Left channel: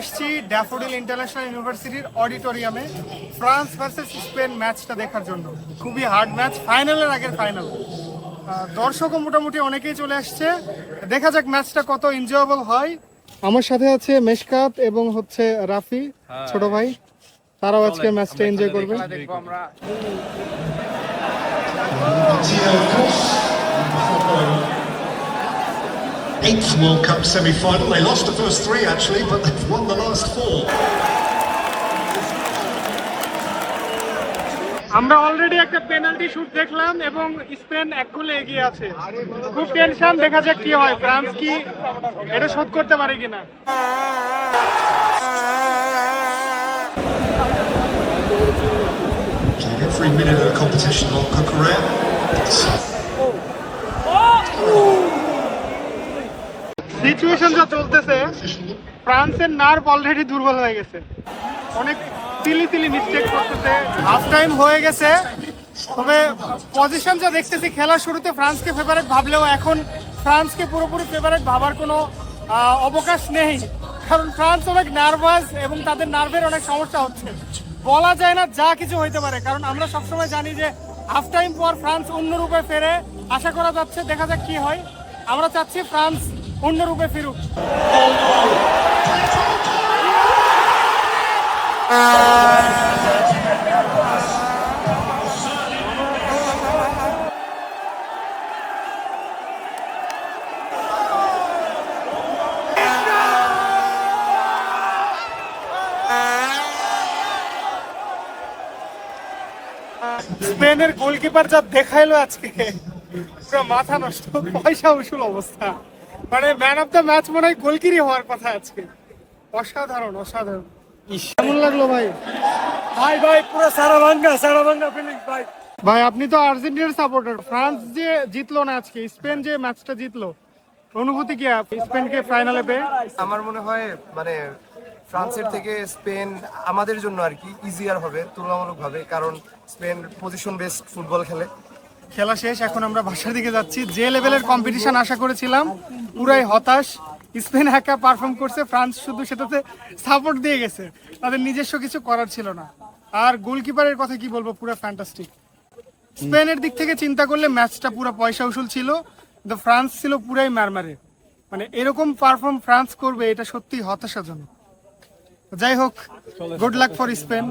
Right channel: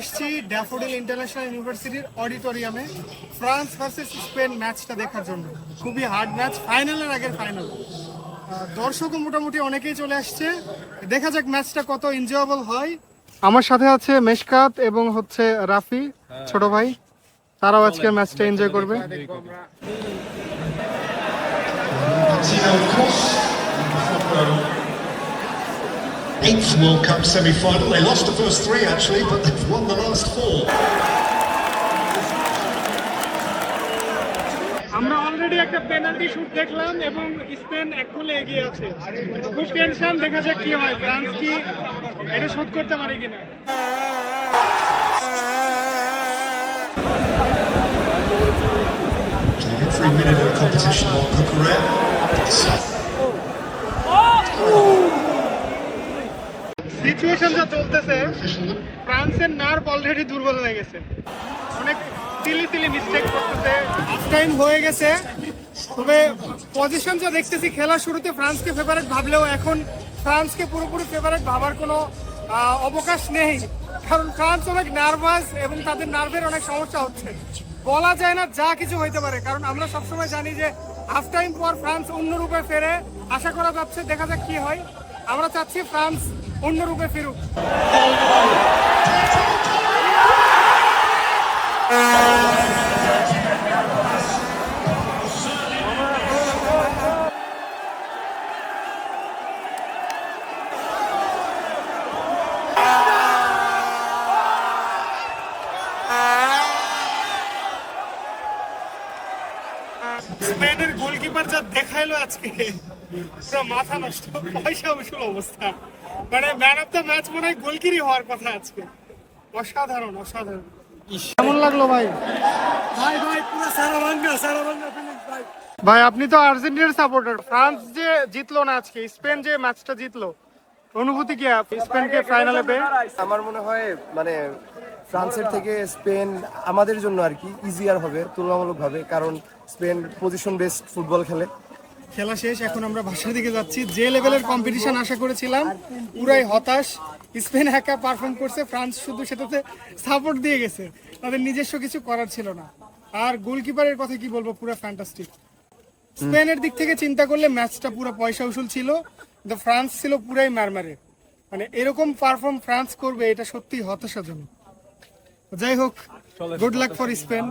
এসেছি daffodil international ইউনিভার্সিটির অডিটোরিয়ামে ফ্রান্স ভার্সেস স্পেন ম্যাচটা দেখার জন্য। খুবই হার্ড ম্যাচ, ফাইনালের আগের ফাইনাল। দর্শকও মোটামুটি অনেকেই চলে আসছে, দেখা যাক ম্যাচটা কত এনজয়েবল হয়। আমার সাথে আছে মেশকাত এবং হচ্ছে রাফি, ছোট ভাই, তারাও আজকে ম্যাচটা এনজয় করবে। Eighth World Cup semi-final. They lost the first three actually, but they've won the last four. আমরা অলরেডি একটা পেনাল্টি শুট দেখলাম এবং স্পেন এক গোলে এগিয়ে আছে। খুব টেনশন, দেখা যাক কি হয়, ফ্রান্স কি এটা শোধ করতে পারে কিনা। Every minute of the competition on Cucurella. Situation যা চলতেছে, ফ্রান্সের নার্ভ অলরেডি দুর্বল হয়ে গেছে, অনেক তিলি মিস্টেক করতেছে। হাফ টাইম হয়ে গেছে, তবে পজিশন যা দেখতেছি খেলার শুরুতে ফ্রান্সকে ফেভারিট ভাবলেও এখন ফ্রান্সকে পুরোপুরি ফেভারিট ভাবার কোনো অবকাশ নেই, কারণ ফ্রান্স অনেক নার্ভাস এবং তাদের নার্ভের অনেক সমস্যা হচ্ছে। বলা যায় না, যা কিছু হইতে পারে, কারণ আমরা সবসময় জানি যে হাফ টাইম পর ফ্রান্স অন্য রূপে ফেরে। আশা করা যাচ্ছে, দেখা যাক কি হয়। আমরা চাচ্ছি ফ্রান্স অন্য রূপে ফিরুক। স্পেনের গোলকিপার যা দেখাইলো আজকে, পুরো মাথা নষ্ট, পয়সা উসুল অবস্থা। মানে ম্যান অফ দ্য ম্যাচ মনে হয় গোলকিরই হওয়ার কথা আজকে। অসাধারণ অসাধারণ। কেমন লাগলো ভাই? ভাই পুরো সারাভাঙ্গা ফিলিংস ভাই। ভাই আপনি তো আর্জেন্টিনার সাপোর্টার, ফ্রান্স যে জিতলো না আজকে, স্পেন যে ম্যাচটা জিতলো, অনুভূতি কি স্পেনকে ফাইনালে? আমার মনে হয় মানে ফ্রান্সের থেকে স্পেন আমাদের জন্য আর কি ইজিয়ার হবে তুলনামূলকভাবে, কারণ স্পেন পজিশন বেসড ফুটবল খেলে। খেলা শেষ, এখন আমরা বাসার দিকে যাচ্ছি। যে লেভেলের কম্পিটিশন আশা করেছিলাম পুরাই হতাশ। স্পেন একা পারফর্ম করছে, ফ্রান্স শুধু সেটাতে সাপোর্ট দিয়ে গেছে, তাদের নিজস্ব কিছু করার ছিল না। আর গোলকিপারের কথা কি বলবো, পুরো ফ্যান্টাস্টিক। স্পেনের দিক থেকে চিন্তা করলে ম্যাচটা পুরো পয়সা উসুল ছিল, কিন্তু ফ্রান্স ছিল পুরাই মারমারে। মানে এরকম পারফর্ম ফ্রান্স করবে, এটা সত্যি হতাশাজনক। যাই হোক, গুড লাক ফর স্পেন।